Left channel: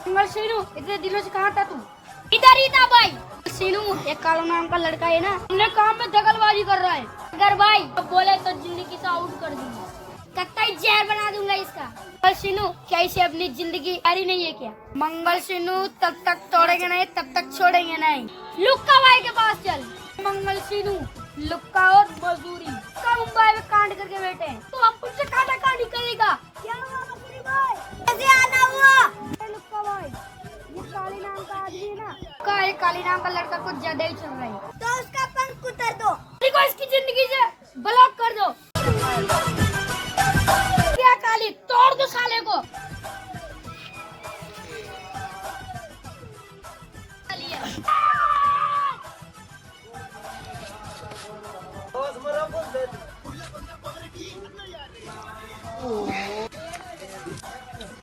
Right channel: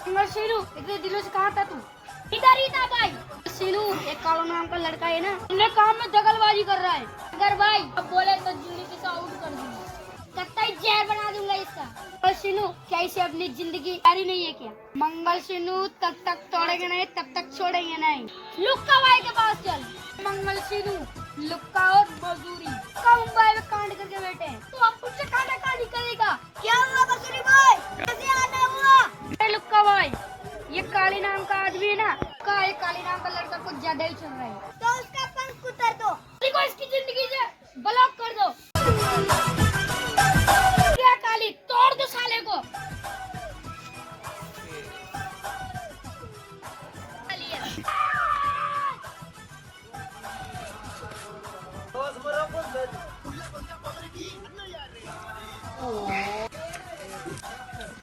मंगल सीनू इतने दिनों से कहाँ था तू? इधर ही था भाई। सीनू एक कालो नाम का लड़का है ना, इन्हें काम में दखलबाजी कर रहा है। अगर भाई अब बोले तो जिंदगी से आउट कर दूंगा, कत्ता जहर बना दूंगा इसका। मंगल सीनू क्या इसे अपनी जिंदगी प्यारी नहीं है क्या? मंगल सीनू तब तक तोड़ेंगे नहीं तब तक छोड़ेंगे नहीं। लुक्का भाई के पास चल। मंगल सीनू लुक्का और मजदूरी का मुंबई में कांड करके बैठे हैं, तो अब मुझसे काटा काटी करेगा। क्या हुआ मजदूरी भाई? कैसे आना हुआ? अरे लुक्का भाई, ये काली नाम का आदमी है ना, काली नाम का लड़का कुछ ज्यादा ही चल रहा है, तो उसका पंख उतार दो, देखो इसकी जिंदगी से ब्लॉक कर दो। क्या काली, तोड़ दो साले को।